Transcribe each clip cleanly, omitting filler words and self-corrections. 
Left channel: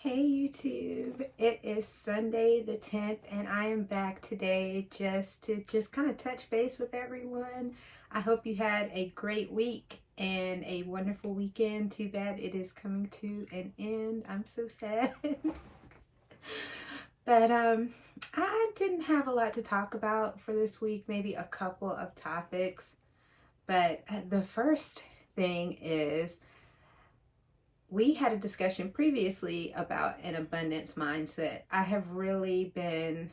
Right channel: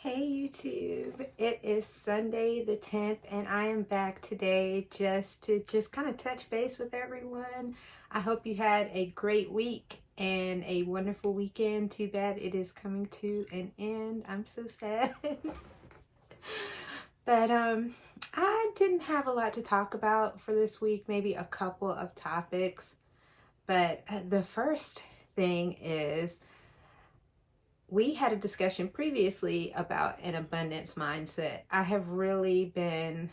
Hey YouTube, it is Sunday the 10th and I am back today to kind of touch base with everyone. I hope you had a great week and a wonderful weekend. Too bad it is coming to an end. I'm so sad. But I didn't have a lot to talk about for this week, maybe a couple of topics. But the first thing is, we had a discussion previously about an abundance mindset. I have really been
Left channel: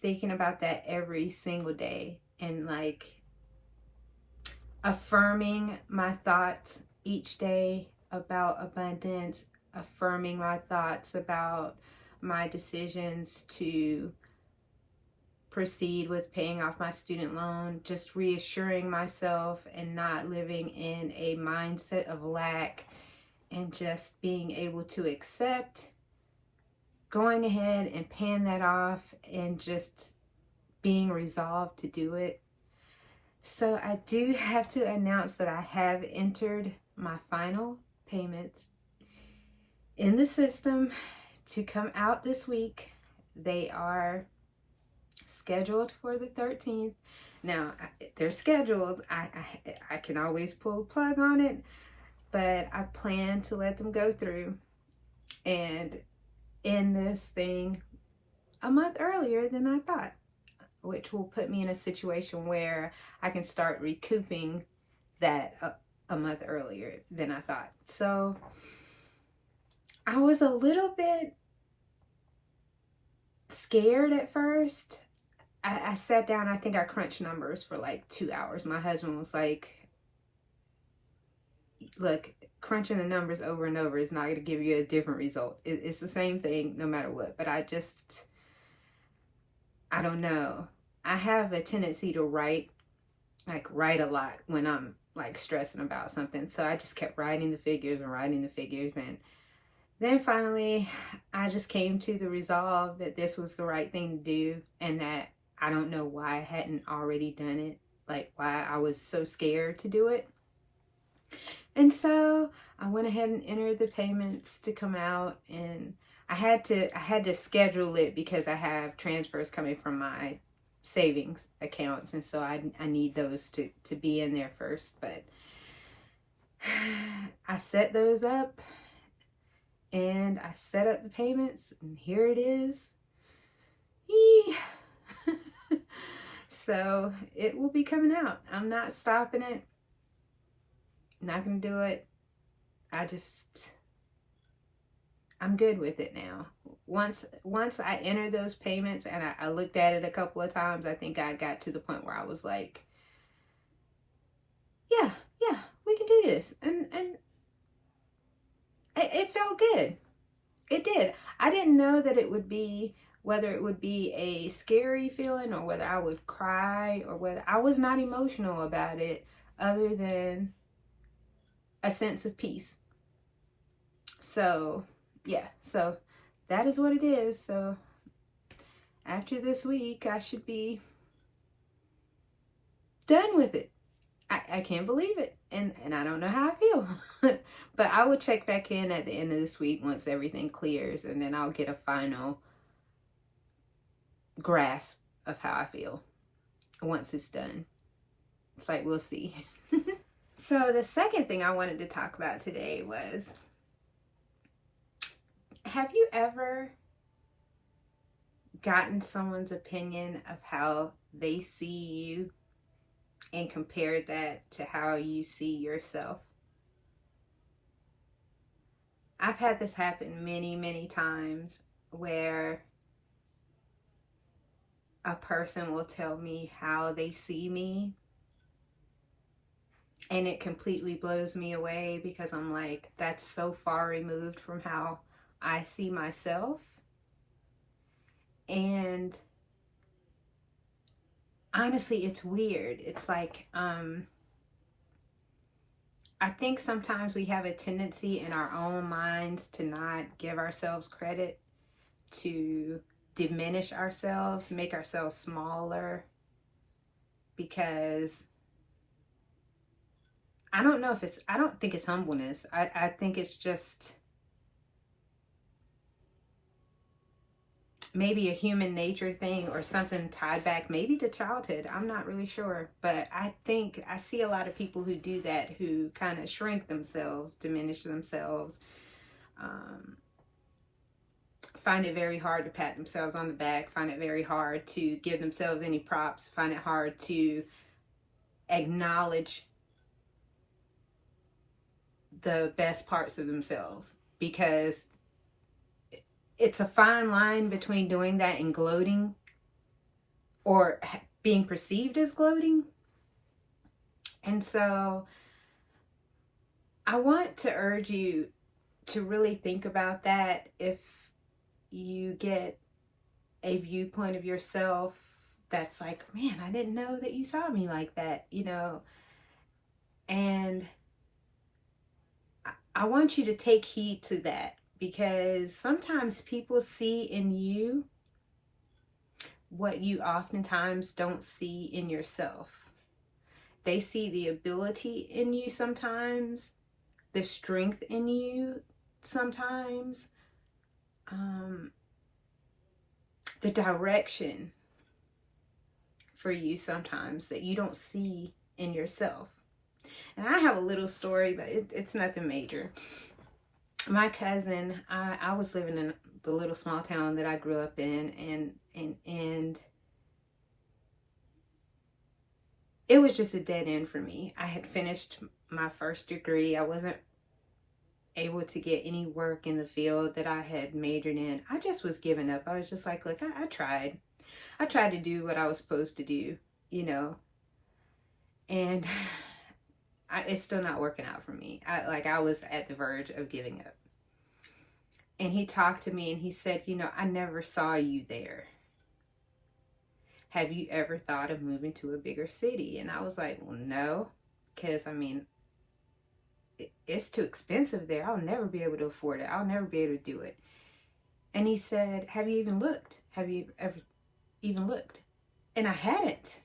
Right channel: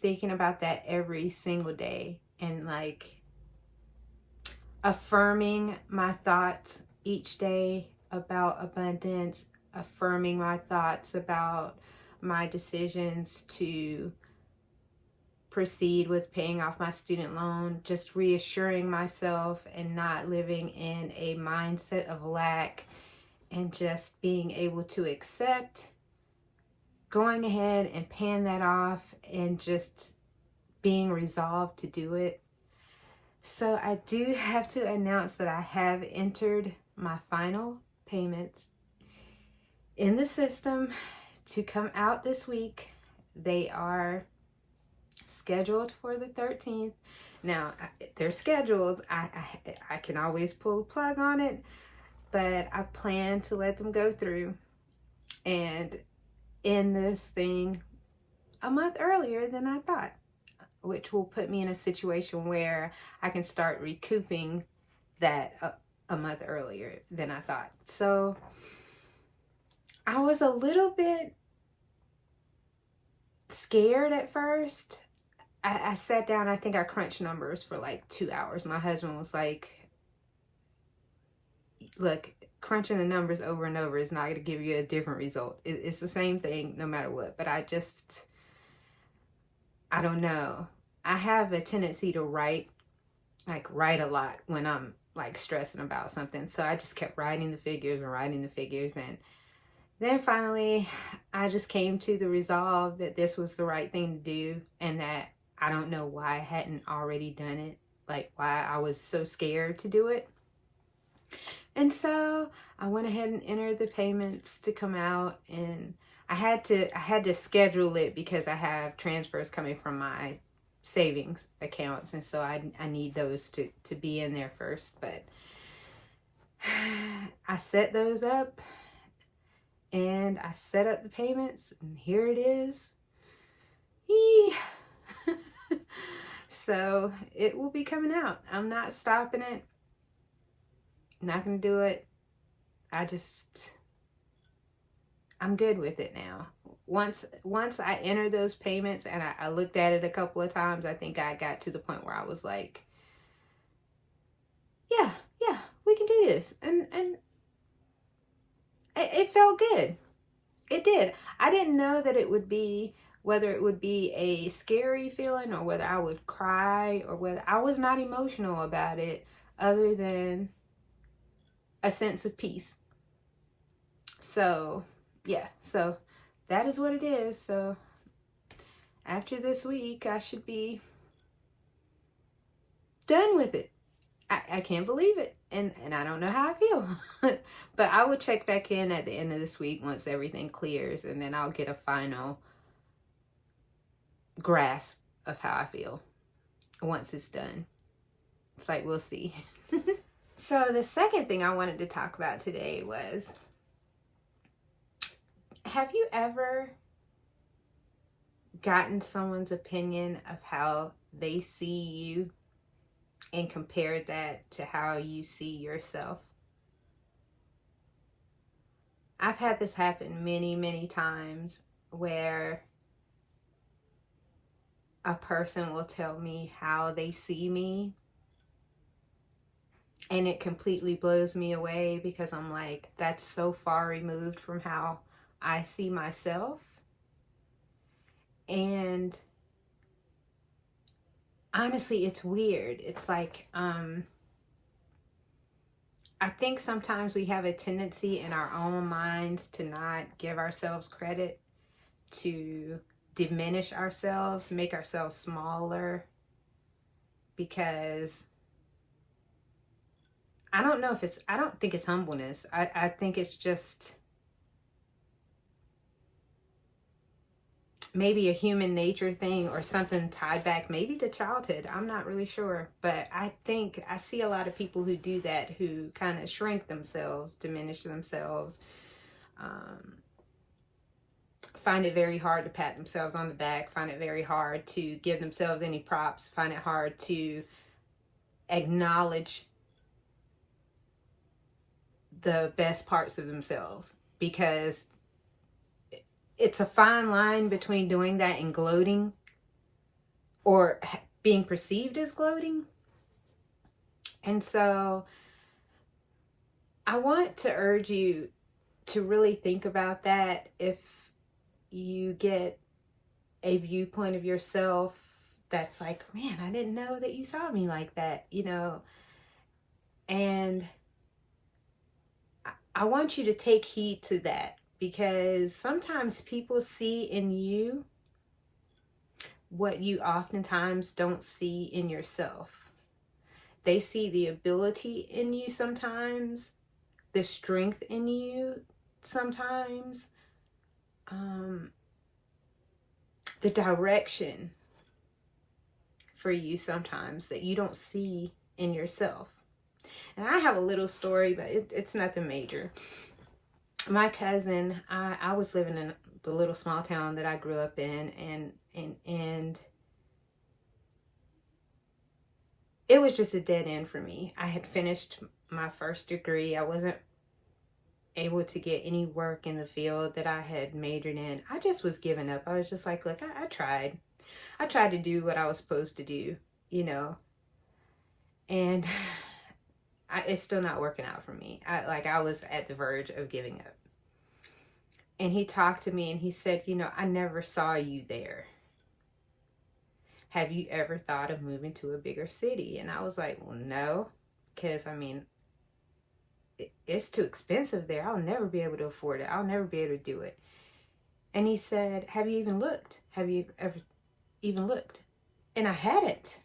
thinking about that every single day and like affirming my thoughts each day about abundance, affirming my thoughts about my decisions to proceed with paying off my student loan, just reassuring myself and not living in a mindset of lack, and just being able to accept going ahead and paying that off and just being resolved to do it. So I do have to announce that I have entered my final payments in the system to come out this week. They are scheduled for the 13th. Now, they're scheduled. I can always pull a plug on it, but I plan to let them go through and end this thing a month earlier than I thought, which will put me in a situation where I can start recouping that a month earlier than I thought. So I was a little bit scared at first. I sat down, I think I crunched numbers for like 2 hours. My husband was like, look, crunching the numbers over and over is not going to give you a different result. It's the same thing no matter what. But I don't know. I have a tendency to write a lot when I'm like stressing about something. So I just kept writing the figures. And then finally, I just came to the resolve that this was the right thing to do, and that I don't know why I hadn't already done it, like why I was so scared to do it. And so I went ahead and entered the payments to come out, and I had to schedule it because I have transfers coming from my savings accounts, and so I need those to be in there first. But I set those up and I set up the payments, and here it is. So it will be coming out. I'm not stopping it. Not gonna do it. I'm good with it now. Once I entered those payments and I looked at it a couple of times, I think I got to the point where I was like, yeah, we can do this. And it felt good. It did. I didn't know that it would be, whether it would be a scary feeling or whether I would cry or whether I was not emotional about it, other than a sense of peace. So yeah, so that is what it is. So after this week, I should be done with it. I can't believe it. And I don't know how I feel. But I will check back in at the end of this week once everything clears, and then I'll get a final grasp of how I feel once it's done. It's like, we'll see. So the second thing I wanted to talk about today was, have you ever gotten someone's opinion of how they see you and compared that to how you see yourself? I've had this happen many times, where a person will tell me how they see me, and it completely blows me away because I'm like, that's so far removed from how I see myself. And honestly, it's weird. It's like, I think sometimes we have a tendency in our own minds to not give ourselves credit, to diminish ourselves, make ourselves smaller, because I don't think it's humbleness. I think it's just maybe a human nature thing or something tied back maybe to childhood. I'm not really sure, but I think I see a lot of people who do that, who kind of shrink themselves, diminish themselves, find it very hard to pat themselves on the back, find it very hard to give themselves any props, find it hard to acknowledge the best parts of themselves, because it's a fine line between doing that and gloating, or being perceived as gloating. And so I want to urge you to really think about that. If you get a viewpoint of yourself that's like, man, I didn't know that you saw me like that, you know, and I want you to take heed to that, because sometimes people see in you what you oftentimes don't see in yourself. They see the ability in you sometimes, the strength in you sometimes, the direction for you sometimes that you don't see in yourself. And I have a little story, but it's nothing major. My cousin, I was living in the little small town that I grew up in, and it was just a dead end for me. I had finished my first degree. I wasn't able to get any work in the field that I had majored in. I just was giving up. I was just like, look, I tried. I tried to do what I was supposed to do, you know, and it's still not working out for me. I was at the verge of giving up. And he talked to me and he said, you know, I never saw you there. Have you ever thought of moving to a bigger city? And I was like, well, no, because I mean, it's too expensive there. I'll never be able to afford it. I'll never be able to do it. And he said, have you even looked? Have you ever even looked? And I hadn't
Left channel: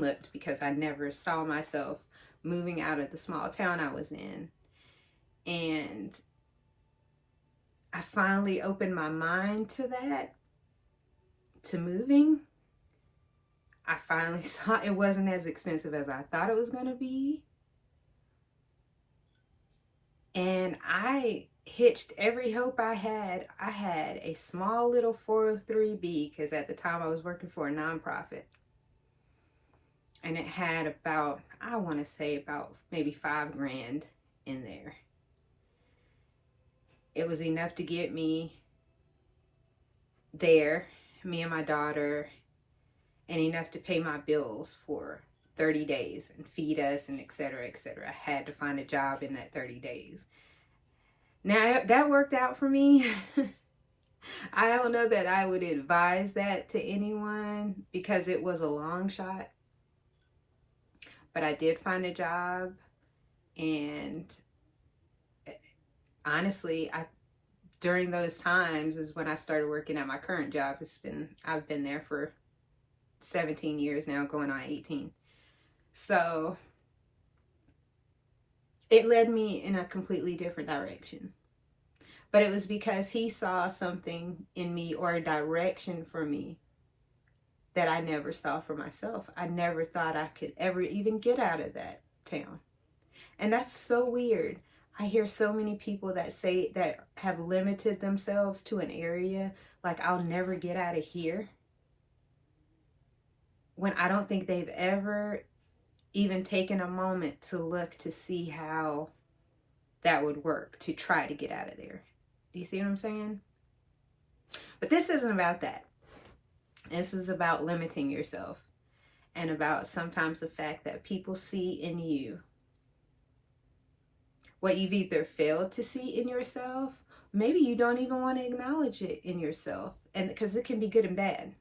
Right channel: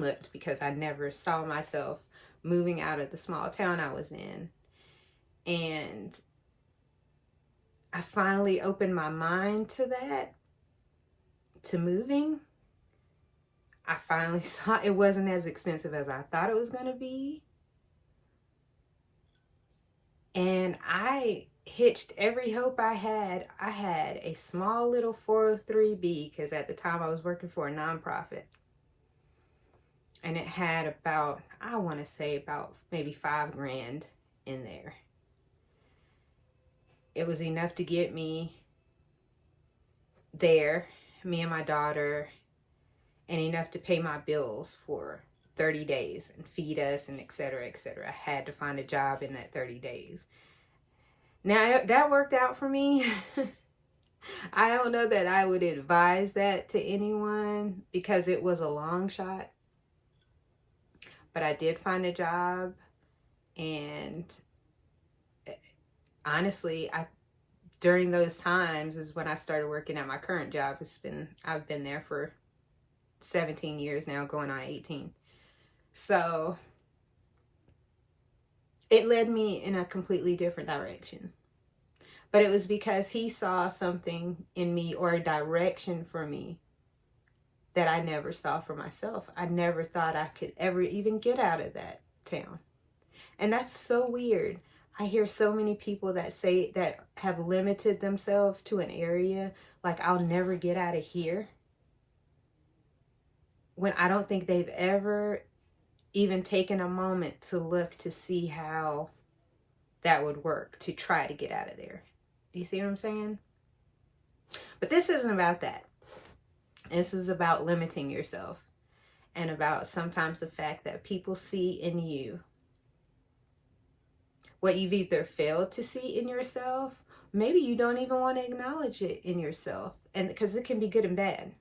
looked, because I never saw myself moving out of the small town I was in. And I finally opened my mind to that, to moving. I finally saw it wasn't as expensive as I thought it was going to be. And I hitched every hope I had. I had a small little 403B, because at the time I was working for a nonprofit. And it had about, I want to say about maybe $5,000 in there. It was enough to get me there, me and my daughter, and enough to pay my bills for 30 days and feed us and et cetera, et cetera. I had to find a job in that 30 days. Now, that worked out for me. I don't know that I would advise that to anyone, because it was a long shot. But I did find a job, and honestly, during those times is when I started working at my current job. I've been there for 17 years now, going on 18. So it led me in a completely different direction. But it was because he saw something in me, or a direction for me, that I never saw for myself. I never thought I could ever even get out of that town. And that's so weird. I hear so many people that say that have limited themselves to an area, like, I'll never get out of here, when I don't think they've ever even taken a moment to look to see how that would work, to try to get out of there. Do you see what I'm saying? But this isn't about that. This is about limiting yourself, and about sometimes the fact that people see in you what you've either failed to see in yourself. Maybe you don't even want to acknowledge it in yourself, and because it can be good and bad.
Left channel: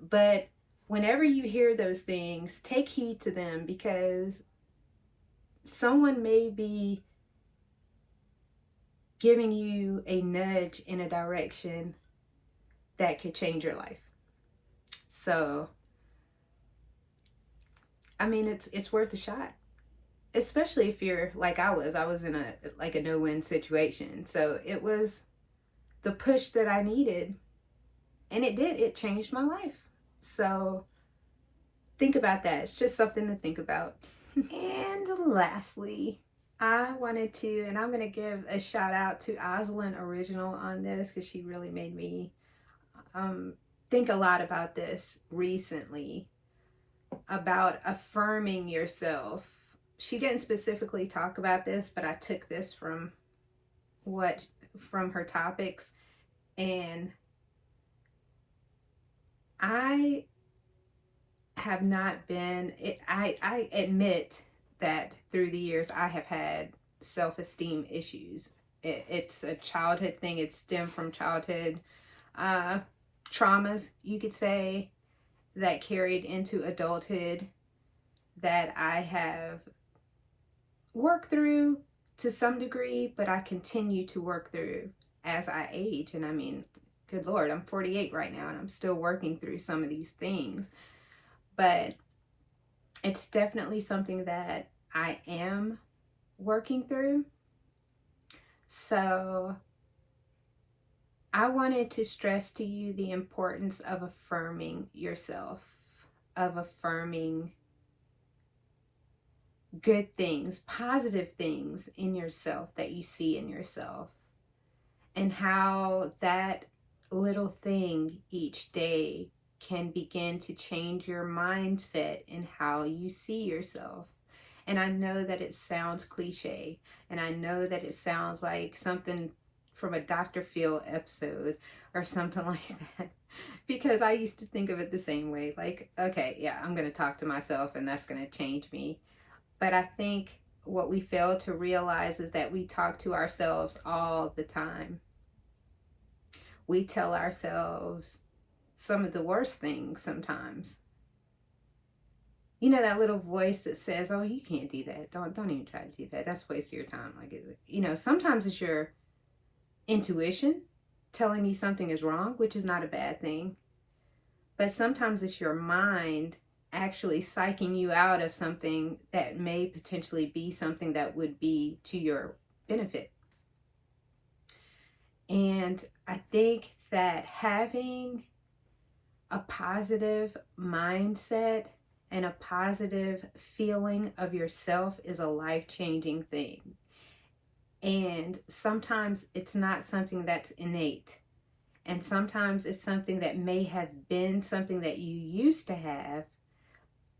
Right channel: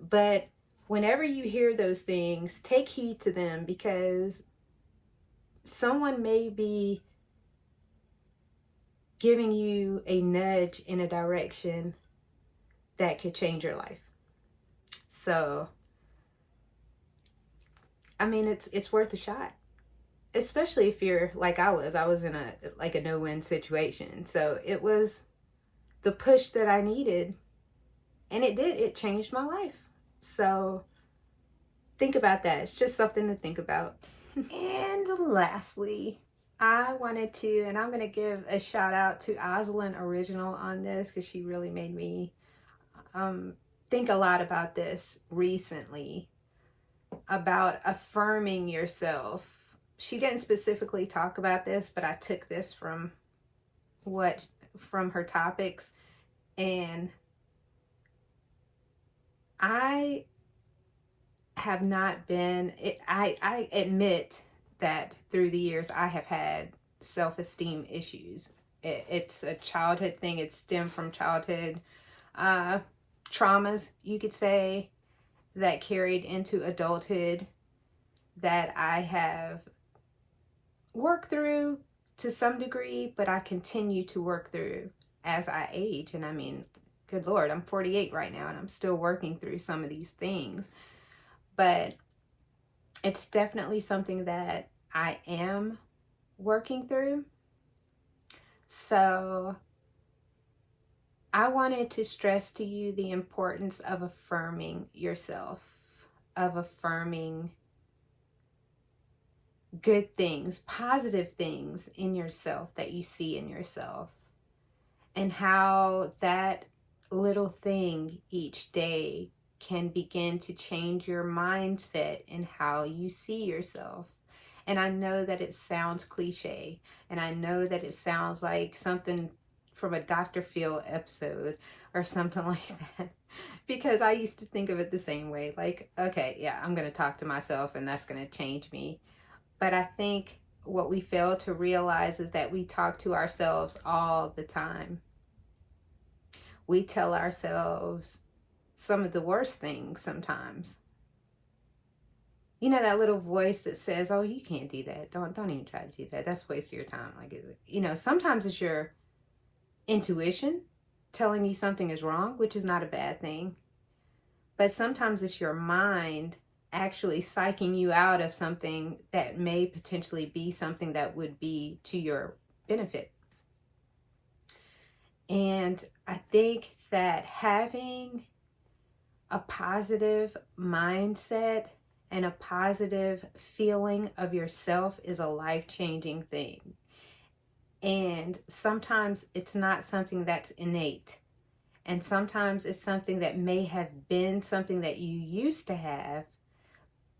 But whenever you hear those things, take heed to them, because someone may be giving you a nudge in a direction that could change your life. So, I mean, it's worth a shot, especially if you're like I was in a no-win situation. So it was the push that I needed. And it did. It changed my life. So think about that. It's just something to think about. And lastly, I wanted to, and I'm going to give a shout out to Oslin Original on this, because she really made me think a lot about this recently, about affirming yourself. She didn't specifically talk about this, but I took this from her topics, and I have not been, I admit that through the years I have had self-esteem issues. It's a childhood thing. It stemmed from childhood traumas, you could say, that carried into adulthood, that I have worked through to some degree, but I continue to work through as I age. And I mean, good Lord, I'm 48 right now, and I'm still working through some of these things. But it's definitely something that I am working through. So I wanted to stress to you the importance of affirming yourself, of affirming good things, positive things in yourself that you see in yourself, and how that little thing each day can begin to change your mindset and how you see yourself. And I know that it sounds cliche, and I know that it sounds like something from a Dr. Phil episode or something like that, because I used to think of it the same way. Like, okay, yeah, I'm going to talk to myself and that's going to change me. But I think what we fail to realize is that we talk to ourselves all the time. We tell ourselves some of the worst things sometimes. You know, that little voice that says, oh, you can't do that. Don't even try to do that. That's a waste of your time. Like, you know, sometimes it's your intuition telling you something is wrong, which is not a bad thing. But sometimes it's your mind actually psyching you out of something that may potentially be something that would be to your benefit. And I think that having a positive mindset and a positive feeling of yourself is a life-changing thing. And sometimes it's not something that's innate. And sometimes it's something that may have been something that you used to have,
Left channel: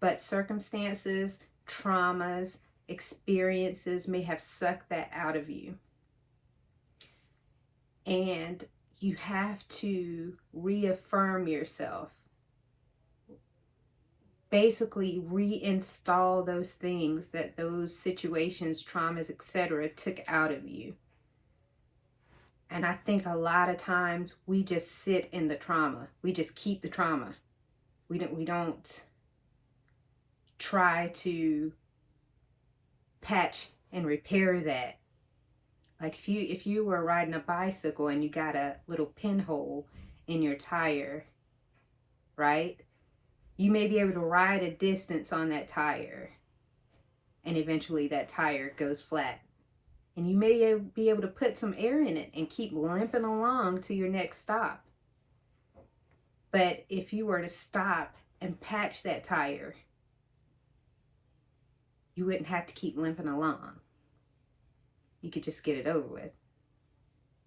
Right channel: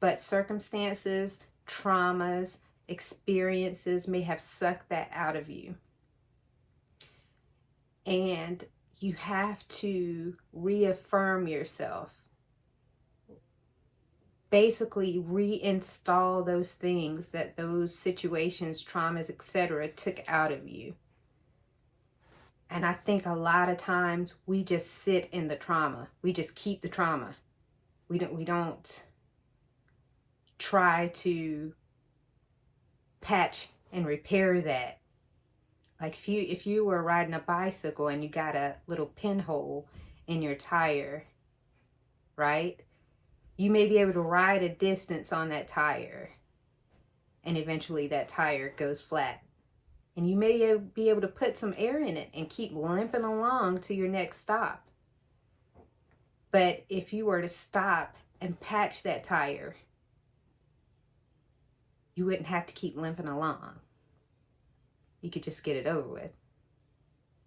but circumstances, traumas, experiences may have sucked that out of you. And you have to reaffirm yourself. Basically reinstall those things that those situations, traumas, etc. took out of you. And I think a lot of times we just sit in the trauma. We just keep the trauma. We don't try to patch and repair that. Like if you were riding a bicycle and you got a little pinhole in your tire, right? You may be able to ride a distance on that tire, and eventually that tire goes flat. And you may be able to put some air in it and keep limping along to your next stop. But if you were to stop and patch that tire, you wouldn't have to keep limping along. You could just get it over with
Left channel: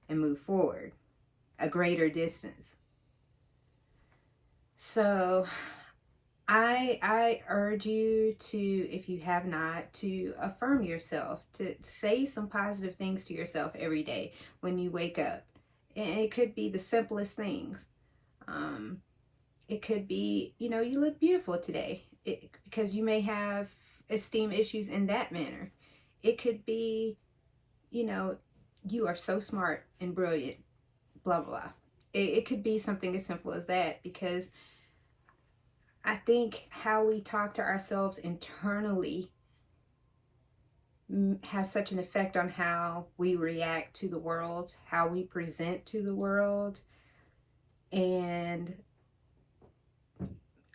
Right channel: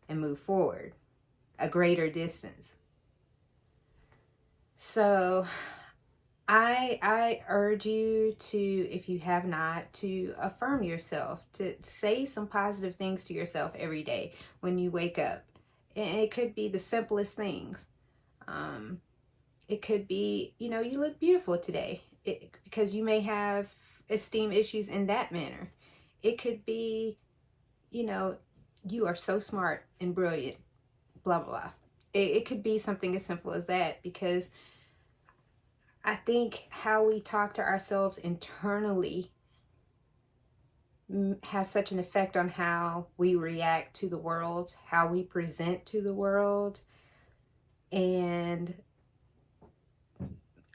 and move forward a greater distance. So I urge you to, if you have not, to affirm yourself, to say some positive things to yourself every day when you wake up. And it could be the simplest things. It could be, you know, you look beautiful today, because you may have esteem issues in that manner. It could be, you know, you are so smart and brilliant, blah, blah, blah. It could be something as simple as that, because I think how we talk to ourselves internally has such an effect on how we react to the world, how we present to the world. And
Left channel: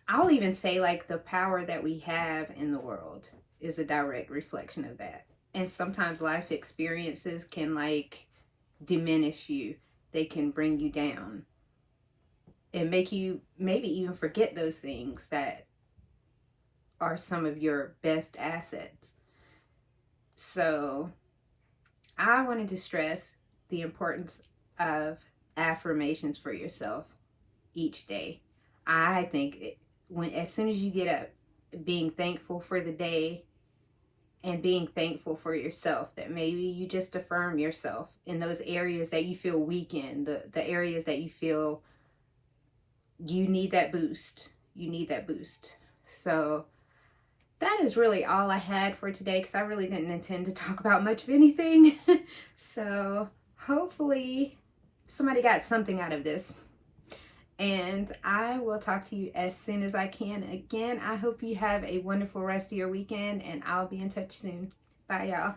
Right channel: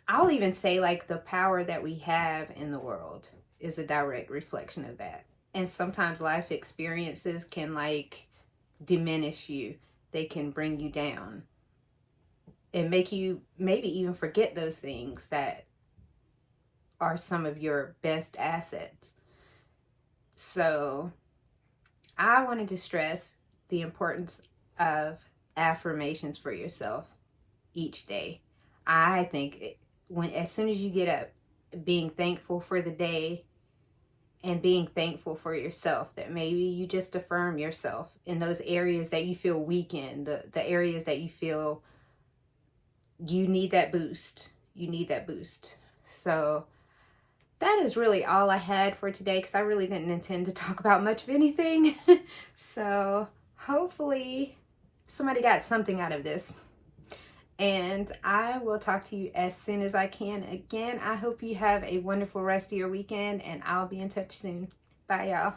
I'll even say, like, the power that we have in the world is a direct reflection of that. And sometimes life experiences can, like, diminish you they can bring you down and make you maybe even forget those things that are some of your best assets. So I wanted to stress the importance of affirmations for yourself each day. I think as soon as you get up, being thankful for the day and being thankful for yourself, that maybe you just affirm yourself in those areas that you feel weak in, the areas that you feel you need that boost. You need that boost. So that is really all I had for today, because I really didn't intend to talk about much of anything. So hopefully somebody got something out of this. And I will talk to you as soon as I can. Again, I hope you have a wonderful rest of your weekend, and I'll be in touch soon. Bye, y'all.